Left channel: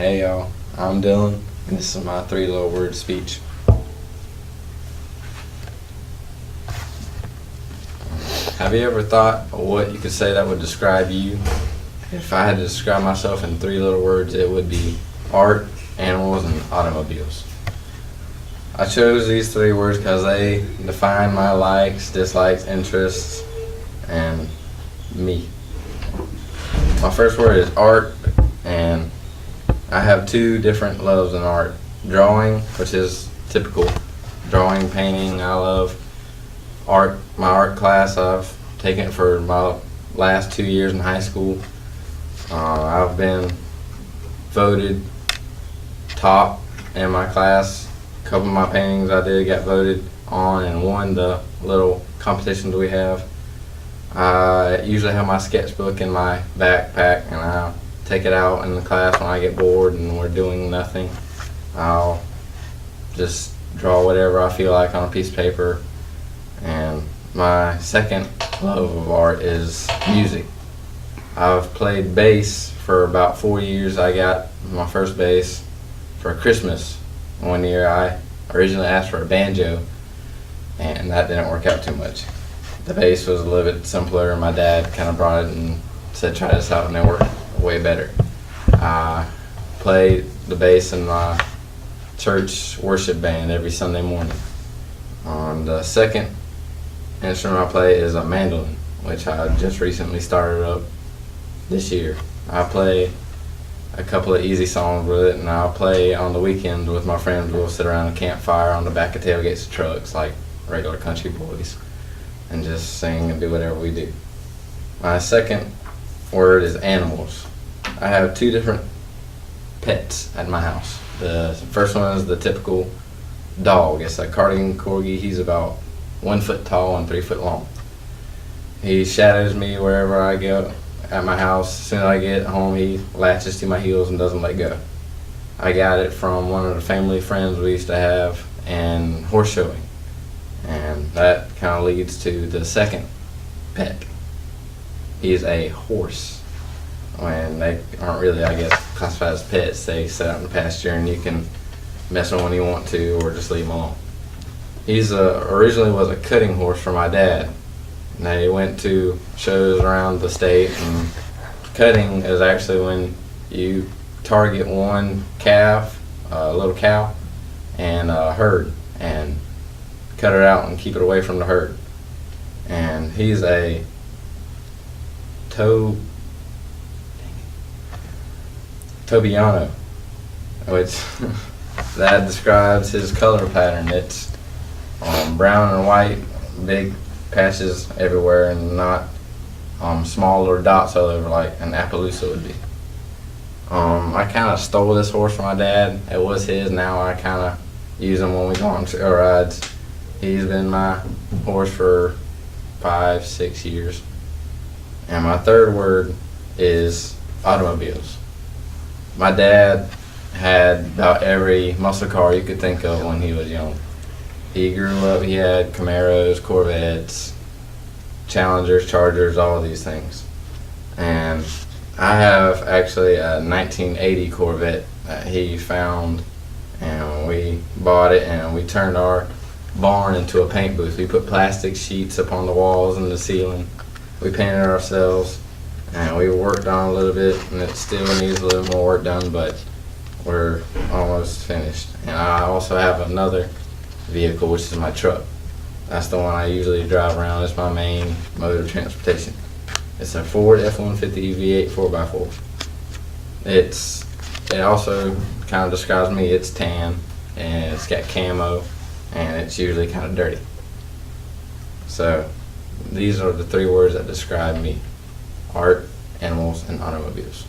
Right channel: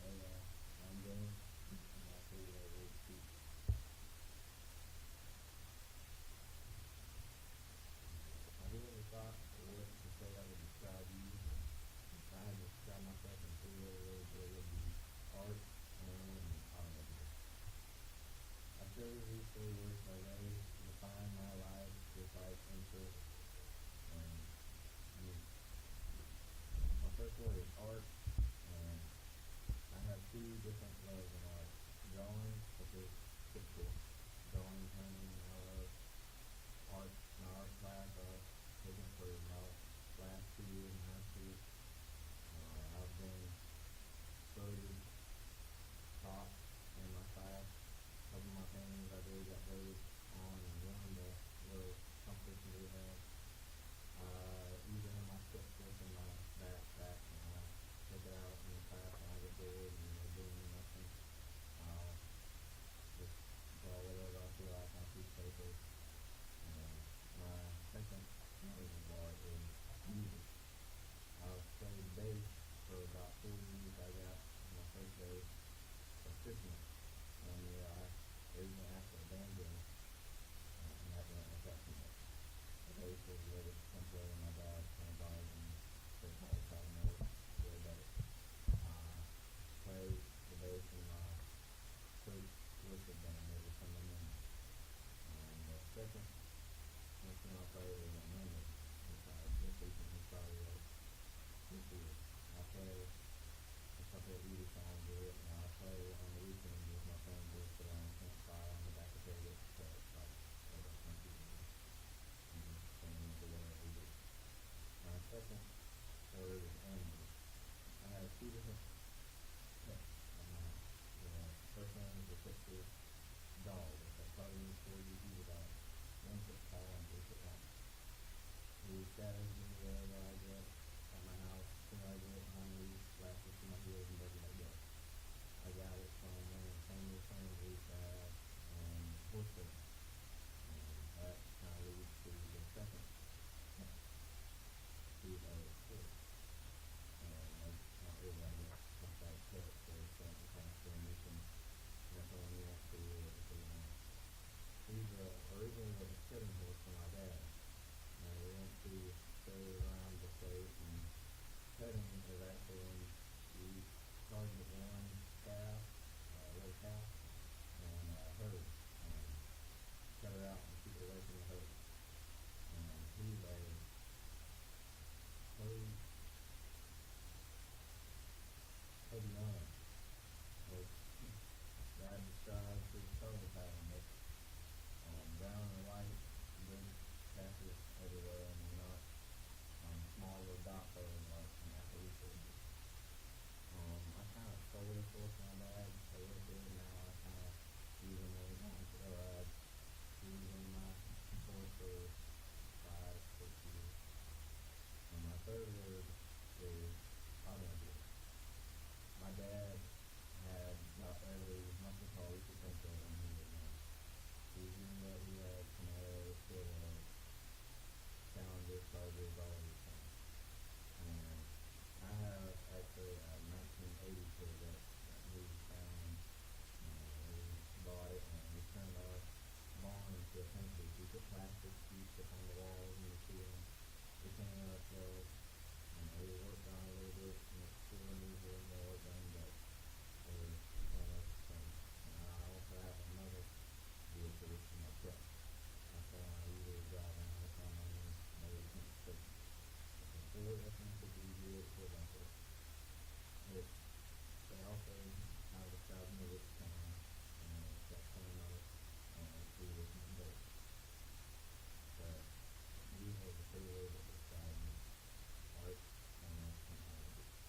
Hey y'all, I'm Dylan, and this is my 3 little word speech. Have you ever thought of what you could say that would describe you? If I had to describe myself in 3 little words, it would be art, animals, and automobiles. I chose these 3 words because they define my likes, dislikes, interests, and me. My first word is art, and I have 2 different loves in art. Drawing, which is typical. Drawing, painting, I love. Art, my art class, I've taken it for my last 2 years in high school. I've been voted top in my class. A couple of my paintings I did got voted on and won the little competitions we have. I usually have my sketchbook in my backpack, and I take it out in the class when I get bored and we're doing nothing. I'll just draw whatever I feel like on a piece of paper. And my second love of art is music. I've played bass for about 4 years. I got my first bass for Christmas one year. I originally asked for a banjo, and that didn't work out too much. The bass was a little bit simpler, and my dad kind of brought it and said try this out, and it worked way better. I play the bass in my church worship band every Sunday morning. The second instrument I play is a mandolin, which I just recently started up this year. I play a couple of easy songs with it, and I'll play on the weekends with my friends. We'll sit around a campfire on the back of tailgates of trucks like regular country boys and just sing and do whatever we do. My second word is animals. I have 2 different pets at my house. The first one is the typical dog. It's a cardigan corgi. He's about 1 foot tall and 3 foot long. He shadows me wherever I go at my house. As soon as I get home, he latches to my heels and doesn't let go. I got it from one of the family friends we used to have in horse showing. And that kind of leads to the second pet. He's a horse. When they aren't really, I guess, classified as pets. They sit out in the pasture and you can mess with them when you want to or just leave them alone. He's originally was a cutting horse for my dad. And they went to shows around the state, and cutting is actually when you target one calf, a little cow, and a herd, and cut it out and keep it away from the herd. And he's a Tobiano, which that describes his color pattern. It's brown and white, big patches everywhere, and not smaller dots all over like an Appaloosa would be. I kind of stole this horse from my dad. It was his. Now I kind of use him when we go on trail rides. He's been my horse for 5-6 years. And my third word is automobiles. My dad had about every muscle car you could think of when he was young. He grew up, he had Camaros, Corvettes, Challengers, Chargers, all of these things. And I have actually a 1980 Corvette that he found, and we bought it and we turned our barn into a paint booth. We put plastic sheets up on the walls and the ceiling. We painted it ourselves, and we worked on it a little bit, and it still needs a little more work done, but we're almost finished. And I also have another vehicle, which is my truck. That's the one I usually drive around. It's my main mode of transportation. It's a Ford F-150 V8 4x4. It also kind of describes me. It's tan, and it's got camo, and it's usually kind of dirty. So these are the 3 words that describe me: art, animals, and automobiles.